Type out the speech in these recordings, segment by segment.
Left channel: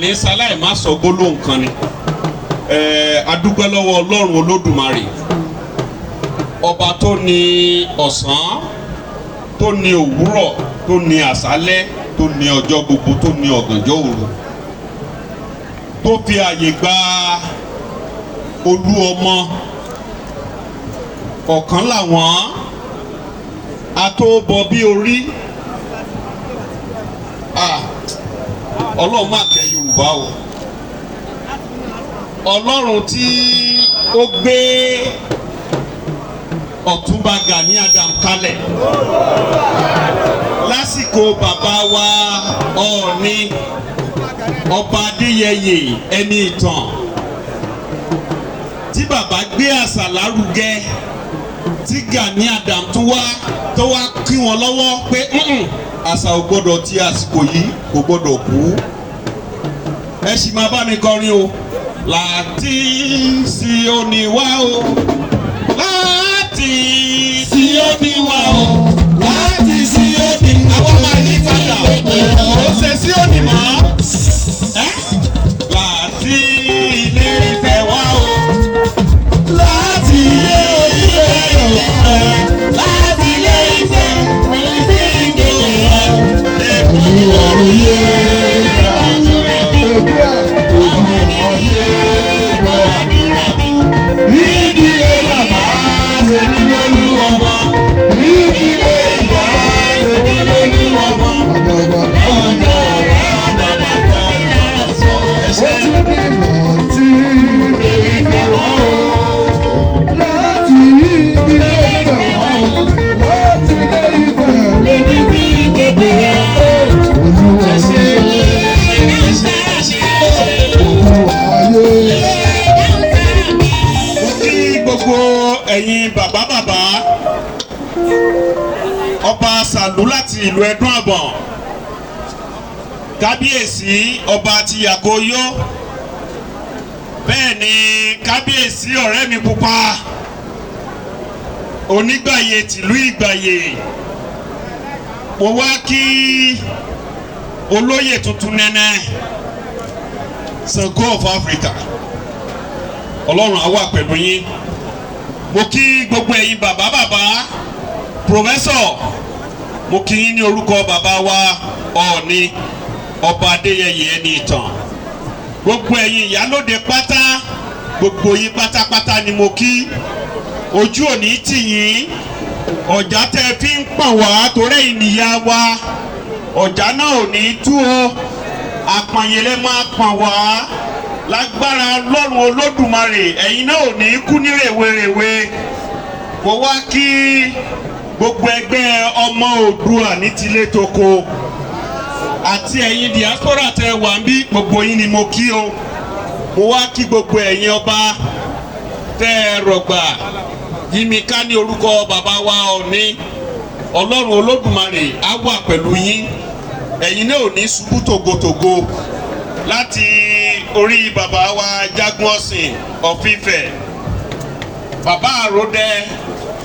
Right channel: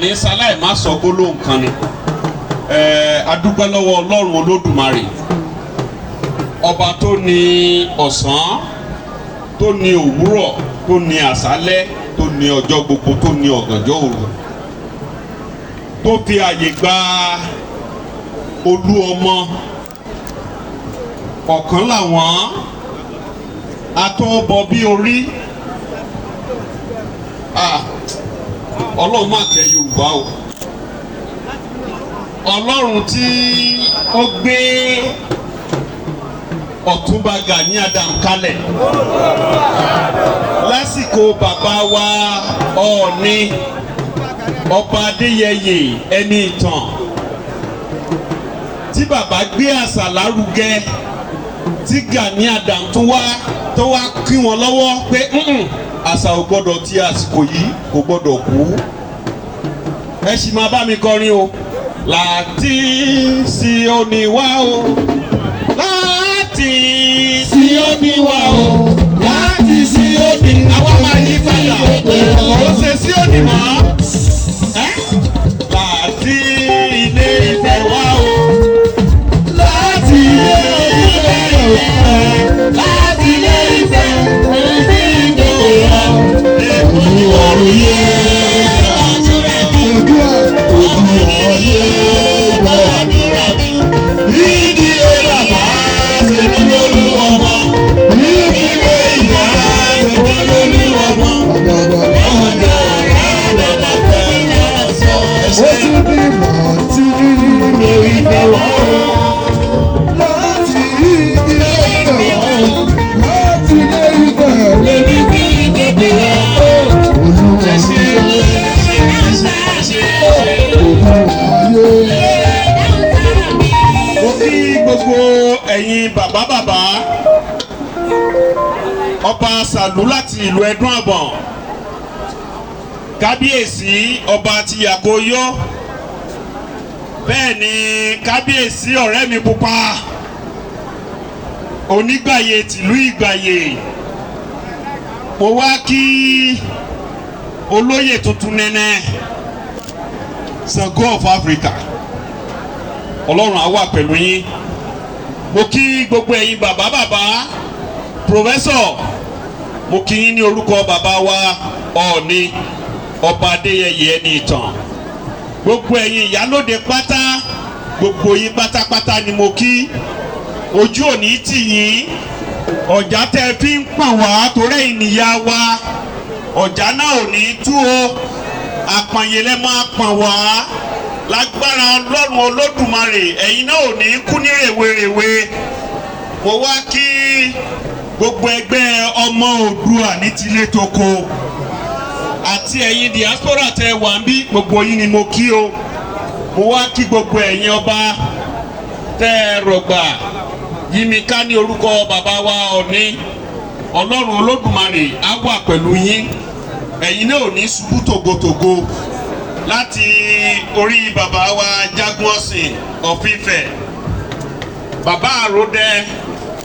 àní sáláì má sọ gbólóhùn kan ni adúpẹ́ lọ́wọ́ Ọlọ́run Olódùmarè ọba tó ní ọ̀sán tó ní òwúrọ̀ tó ní àṣálẹ́ tó ní ọjọ́ gbogbo tó ní ọ̀gànjọ́ òru tó fi àyè gba olú ọmọ ọ̀kan làwọn atóbọ̀ bí orí Ọlọ́run má kẹ́ Yorùbá o Ọlọ́run tí ó gbé Ọ̀túnba Gani Adam kalẹ̀ lásìkò bàbá wa Ọọ̀ni ọba Adéyẹyè ẹni ìtàn tí bàbá gbé àṣà lárugẹ tí Gani Adam tó wá kí wọn lọ́wọ́ pé àṣà ò gbọ́dọ̀ tí àsìkò yìí kò gbọ́dọ̀ kú ẹ sì máa bá mi kọrin o láti Síónì wá o láti Síónì wá o láti Síónì àwọn máa yí padà ó ṣe Síónì mọ́ láti Ilé Ifẹ̀ wá o láti Ilé Ifẹ̀ láti Ilé Ifẹ̀ Olúwarun yé. Ẹ̀yin bàbá ọba Sàlú láti ìlú Ẹdún Àbọ̀n kábíyèsí ọba ti Yàkóyó bẹ́ẹ̀ ni kábíyèsí ọ̀rẹ́ mi pupa Onígbàyè tìlú Ìgbàyè mo wá kí olóyè tuntun nẹ́nẹ́ Ṣàngó of Africa Ọlọ́run á wà pẹ̀lú yín. Mo kí gbogbo ẹ̀yin bàbá pòfẹ́sọ̀ mo kí yín ní orúkọ bàbá wa Ọọ̀ni ọba Adéyẹyè ẹni ìtàn gbogbo ẹ̀yin ìyálóde pátá gbogbo yín pátápátá ni mo kí ojú òní tì yín ọ̀já tẹ́ fi ń pọ̀n wá torí ìníyà wa ọ̀já náà ò ní tú o àpàyẹ̀lẹ̀ máa pọ̀n wá lágbára Ọlọ́run Olódùmarè ẹ̀yin náà ò ní kú ní rèwerèwe mo wá kí gbogbo ẹgbẹ́ ọmọ Oòduà ní tilé toko àti ẹ̀yin diaspora tẹ wà ń bí gbogbo yín ni mo kí o mo wá kí gbogbo ẹ̀yin ọba tẹ rọ̀gbà yí mi ká ní orúkọ bàbá wa Ọọ̀ni Ọlọ́run Olódùmarè á wà pẹ̀lú yín ẹ̀yin náà ò ní ṣubú tògótògó láti orí bàbá wa Jagunọ̀sìn of Ifẹ̀ bàbá Àròdẹ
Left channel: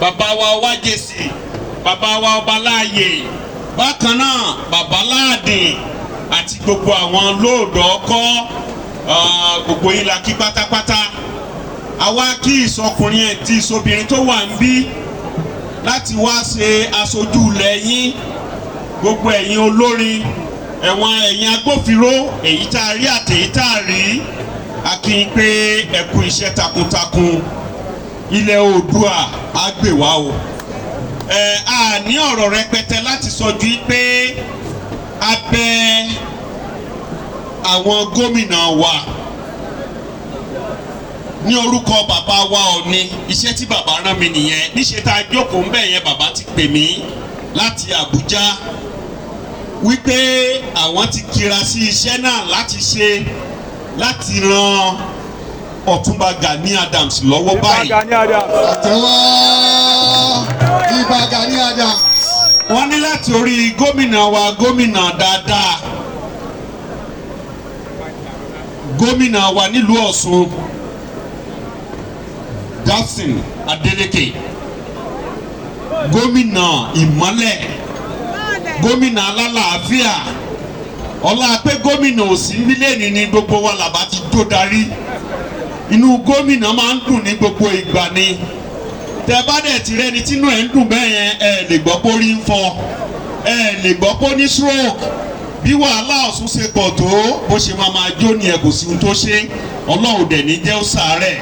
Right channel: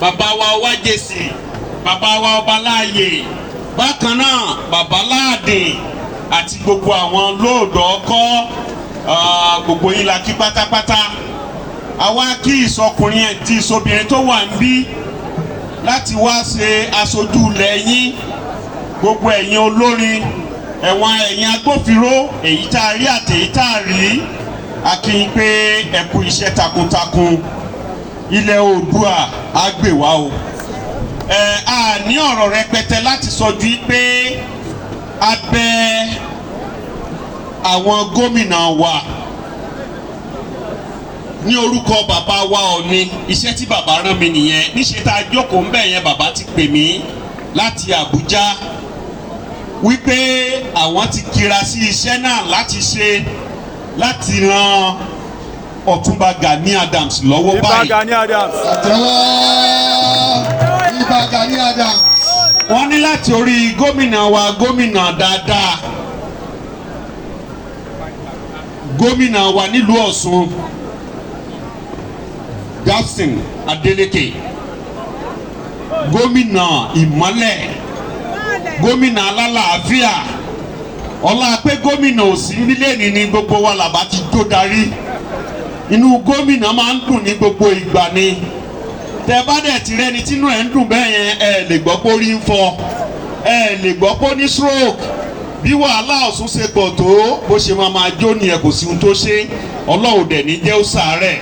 bàbá wa Wájèsì bàbá wa Ọbaláàyè bákan náà bàbá Láàdìn àti gbogbo àwọn lóòdọ̀ ọkọ́ gbogbo yín la kí pátápátá àwa kí ìsọkùnrin ẹ̀ tí ìsọbìnrin tó wà ń bí láti wá ṣe aṣojú ilẹ̀ yín gbogbo ẹ̀yin olórin ẹ̀yin agbófinró èyí tá a rí àti èyí tá a rí a kí yín pé ẹ kú iṣẹ́ takuntakun ilẹ̀ Oòduà á gbè wá o a ní ọ̀rọ̀ rẹpẹtẹ láti sọjú pé a bẹ̀ àwọn gómìnà wa ní orúkọ bàbá wa Ọọ̀ni iṣẹ́ tí bàbá rán mi nìyẹn níṣẹ́ tá a jókòó ń bẹ̀ yẹn bàbá ti pè mí láti Àbújá wípé àwọn ti kira sí iṣẹ́ náà láti ran Ọ̀túnba Gani Adams lọ́wọ́ báyìí. Ìbà Gani Adams. Wọ́n ní láti orí gómìnà wa gómìnà dáadáa gómìnà wa nílùú Ọ̀ṣun Dapsin Adeleke gómìnà ìmọ́lẹ̀ gómìnà alálàáfíà ọlá pé gómìnà ò sí nílé ní gbogbo wa làbá ti tó darí inú gómìnà máa ń dùn ní gbogbo ìgbà ni tẹ bá dẹ̀ ti rẹ́ni tínú ẹ̀ ń dùn bẹ́ẹ̀ yẹn ẹ lè gbọ́ pé orí ń fọ́ ẹ lè gbọ́ pé ó ní stroke bí wàhálà Ọ̀ṣun ṣe pọ̀ tó bó ṣe máa jó ni ẹ kò sí ohun tó ṣe ọlọ́run dẹ̀ ní jẹ́ ó sàárẹ̀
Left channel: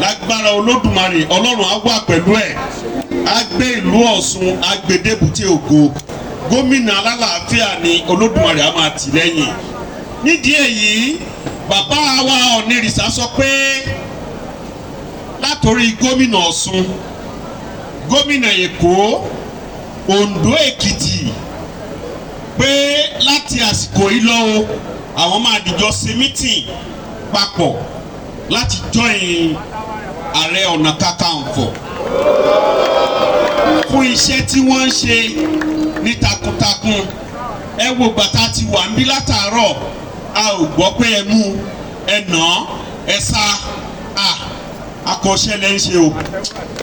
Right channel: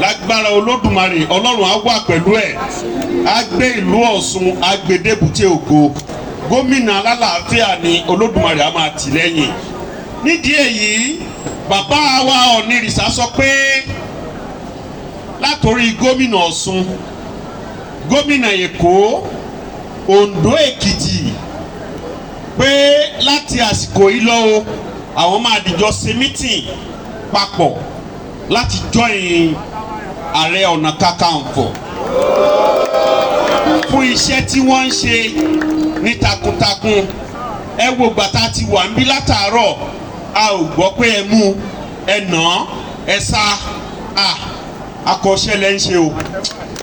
lágbára olódùmarè ọlọ́run á wà pẹ̀lú ẹ̀ á gbé ìlú Ọ̀ṣun á gbé débùté ògo gómìnà alálàáfíà ni olódùmarè á máa tì lẹ́yìn nídìí èyí bàbá wa Ọ̀nìrìṣà sọ pé látòrí gómìnà Ọ̀ṣun gómìnà Èkó Oǹdó Èkìtì pé láti àsìkò yìí lọ o àwọn máa dìjọ ṣe mítìn papọ̀ láti join Ààrẹ Ọ̀nà Kakanfò fún iṣẹ́ tí wọ́n ń ṣe ní takuntakun ẹ wo gbàtà ti wà ń bí látàárọ̀ a ò gbọ́ pé ẹ mú ẹ nà ẹ sá akọ́ṣẹ́lẹ̀ ń ṣe o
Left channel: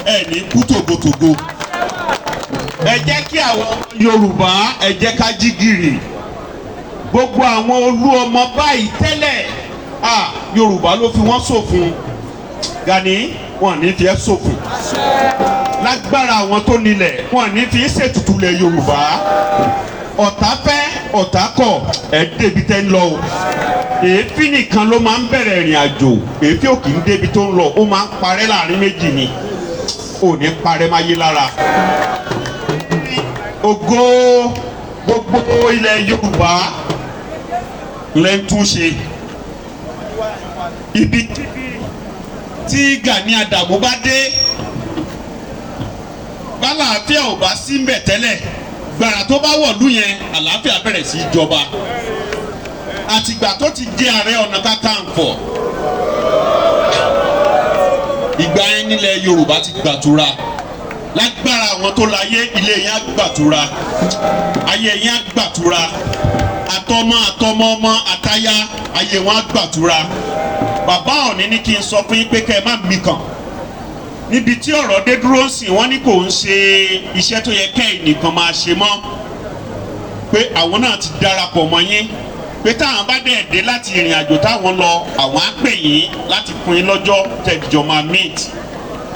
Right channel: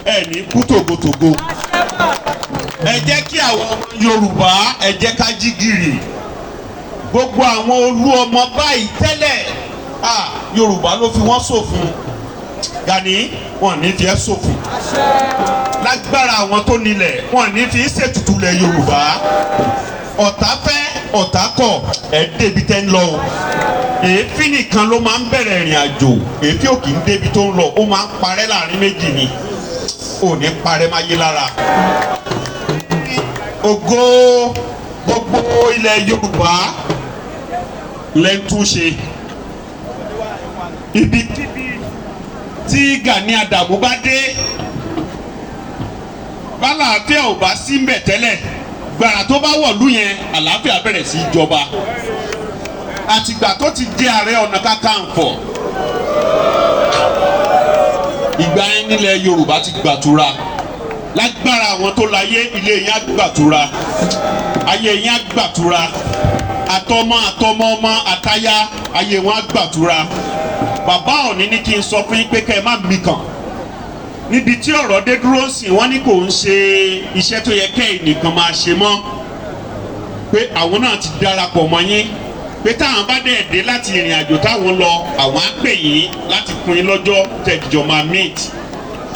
ẹ ní kú tògótògó ẹ jẹ́ kí àwọn Yorùbá ẹ jẹ́ ká jí gìrì gbogbo àwọn olú ọmọ báyìí tẹ́lẹ̀ Yorùbá ló fi wọ́n ṣòfin Gani wọn ní fi ẹ́ ṣòfin lágbára àwọn tó nílẹ̀ wọn ní fi ṣètùtù lẹ̀ Yorùbá ọ̀tá fẹ́ ọ̀tá kọ̀ ẹ̀ débi tẹ́ ń lọ o èéfín nìkan ló máa ń bẹ̀rẹ̀ ìrìn àjò èéfín ò kì í débi tó ń lọ ó máa ń parẹ́ láàrin méjì ni ò ní parẹ́ máa yé lára ògo gbogbo ilẹ̀ Yorùbá lẹ́ ń túnṣe ibikíbi tí Gani Adams bá dé bálàáfíà ò bá sí mbẹ̀ tẹ́lẹ̀ gbàrà tó bá wọ̀lú yẹn àlàáfíà bẹ̀rẹ̀ sí í jọba àtìgbà tó ti di Ààrẹ Ọ̀nà Kakanfò ìgbà yẹn nílẹ̀ Yorùbá ti gbàtura lágbára àwọn tó láyé ilé yẹn á gbàtura ayé yẹn á gbàtura àtọmọ ọmọ àtaya ayé wọn á gbàtura bàbá Ọ̀ọ̀ni ní kí n sọ fún yín pé kẹ́ ẹ má mí kàn níbi tí ọ̀rọ̀ dé dúró sí wọ́n ní kò ń ṣe iṣẹ́ tó yẹ kẹ́ ẹnìkan máa ṣe mọ́ pé àwọn náà ti darapọ̀ mọ́ yín pé táwọn bá dẹ̀ dé láti ìrìn àjò táwọn lọ àwọn á pè yín láti fún yín lọ́jọ́ tẹ̀jọ́ máa meet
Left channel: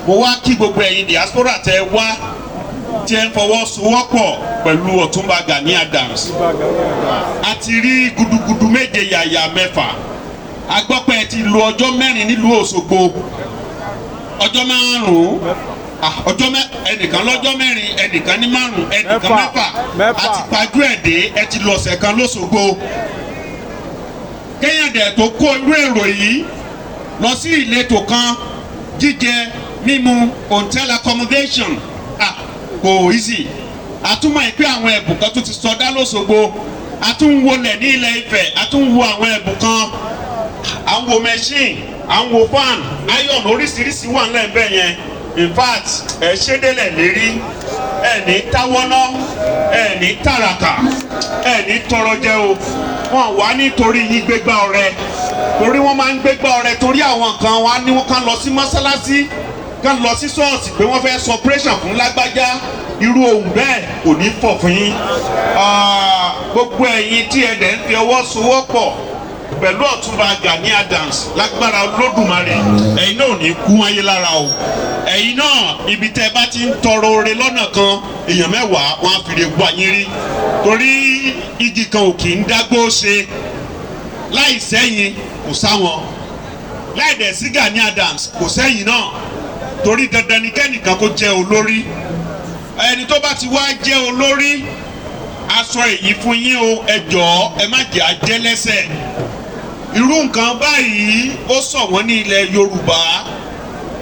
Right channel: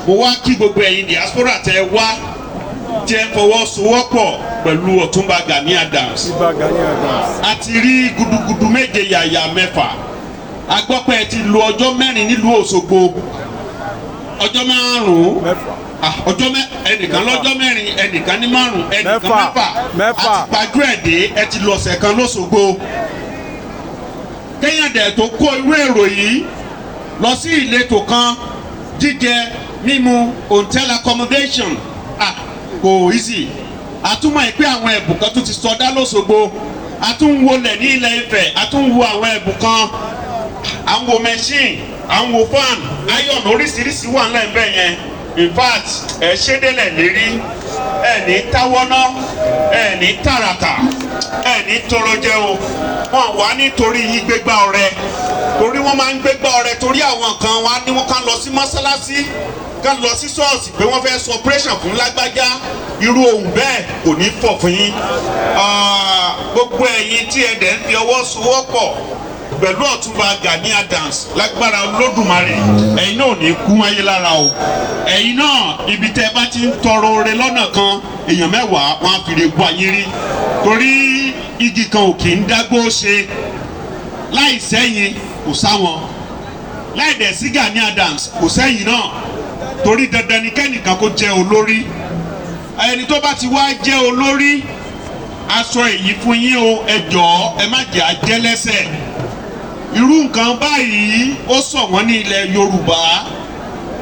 mo wá kí gbogbo ẹ̀yin diaspora tẹ wá tí ẹ fọwọ́sowọ́pọ̀ pẹ̀lú Ọ̀túnba Gani Adams a ti rí gudugudu méje yàyà mẹ́fà a gbọ́ pé ẹ ti lo ọjọ́ mẹ́rin nílùú Òṣogbo ọjọ́ márùn-ún ẹnìkan lọ́jọ́ mẹ́rin ẹnìkan ní márùn-ún ẹnìkan mẹ́fà àti pàjù ẹ̀dẹ́ ẹ ti lọ ọ̀sẹ̀ kan lóṣogbo kéèyàn dẹ̀ tó kó irú èrò yìí lọ sí ìletò kan jíjẹ mímu hotel accommodation kò easy àtúmọ̀ ìpín àwọn ẹ̀bùn kan tó ti sọdá lóṣogbo àtúnwolẹ̀ ní Ilẹ̀ Ifẹ̀ àtúnwo àwọn ẹ̀bùn kan àwọn machine àwọn fan iron oríṣiríṣi wà ńlẹ̀ ńbẹ̀ yẹn in fact ẹ ṣé délẹ̀ lérí ẹ ní táwọ́ná ẹ ní tàràkà ẹ ní tọrọ jẹ o wọn wá nítorí yín gbégbá ọrẹ torí wọn máa ń gbégbá ọrẹ torí àwọn kan wá ní wọn kàn lọ sí mọ́sálásí kàn lọ sí ṣọ́ọ̀ṣì pé wọ́n fẹ́ sọ operation fún lágbájá irú ohun bẹ́ẹ̀ kò ní fọ̀ fún yín gbogbo ẹ̀yin tí ẹ dẹ̀ ń fi ọwọ́ sowọ́pọ̀ pẹ̀lú Ọ̀túnba Gani Adams lágbára Olódùmarè ẹ̀yin náà ò ní kú ayé lára o ẹ̀yin náà ibi tẹ́ bá ti ń tọrọ oore lọ́nà kan èèyàn mẹ́wàá wọn á fi lè gbọ́ ayé rí torí igi kan ò kì í dágbó ṣe láì sẹ́yìn kò sáwọn láì dẹ̀ sí Gani Adams kò sẹ́yìn náà torí dandan ni kẹ́nìkan kó jẹ́ olórí ẹni tó bá ti wá jẹ́ olórí aṣọ èyí fún yín o ẹ jọ̀ọ́ ẹ má jẹ́ àjẹlẹ́sẹ̀ irú nǹkan báyìí ó sọ̀ wọ́n ní ilẹ̀ Yorùbá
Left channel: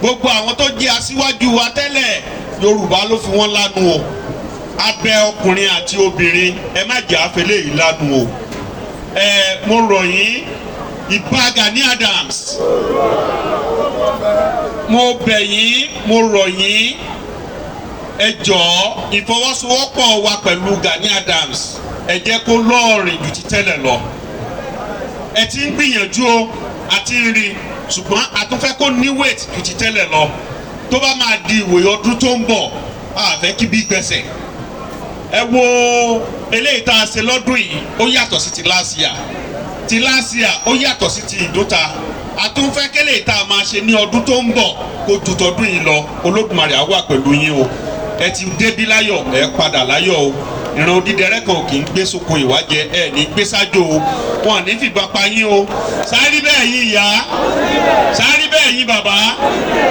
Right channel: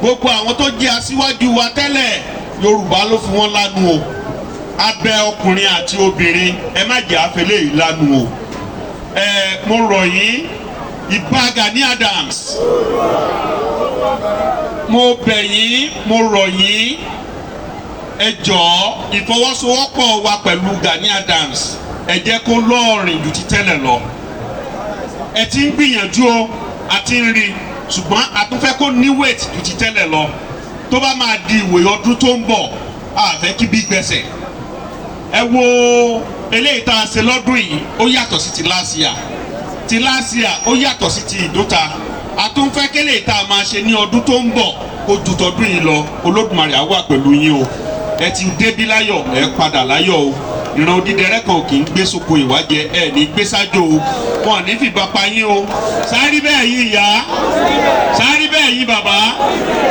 gbogbo àwọn tó jẹ́ aṣíwájú wa tẹ́lẹ̀ Yorùbá ló fi wọ́n lánu o abẹ́ ọkùnrin àti obìnrin ẹ má jẹ́ àfẹlẹ́ yìí lánu o mo rọ̀ yín ìbá Gani Adams mo bẹ̀ yín mo rọ̀ yín ẹ jọ̀ọ́ ìfọwọ́sowọ́pọ̀ wa pẹ̀lú Gani Adams ẹ jẹ́ kó lọ́ọ̀rìn ju ti tẹ́lẹ̀ lọ ẹ ti ń gbìyànjú o àti ń rí ṣùgbọ́n a tún fẹ́ kó ní weight ju ti tẹ́lẹ̀ lọ tó bá máa di ìwòye ọdún tó ń bọ̀ a fẹ́ kí bí gbẹ̀sẹ̀ ẹ wo eléyìí tá a ṣe lọ́dún yìí ó yàtọ̀ sí ti last year ó yàtọ̀ sí ti ìdúta àtúnfẹ́ kélé tá a máa ṣe ní ọdún tó ń bọ̀ kó ju tọdún yìí lọ Olódùmarè á wà pẹ̀lú yín o ẹ ti débí láyọ̀ ẹ padà láyọ̀ o ìran odídẹrẹ́ kan ò kì í gbé sóko ìwájẹ ẹ ní gbé sájò o wọn à ní fìbọn pa yín o sáré bẹ́ẹ̀ yín ìyá sáré bẹ́ẹ̀ yín bàbá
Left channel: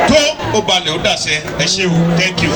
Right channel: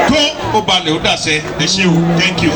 tó ó balẹ̀ ó dàṣẹ ẹ ṣé o thank you.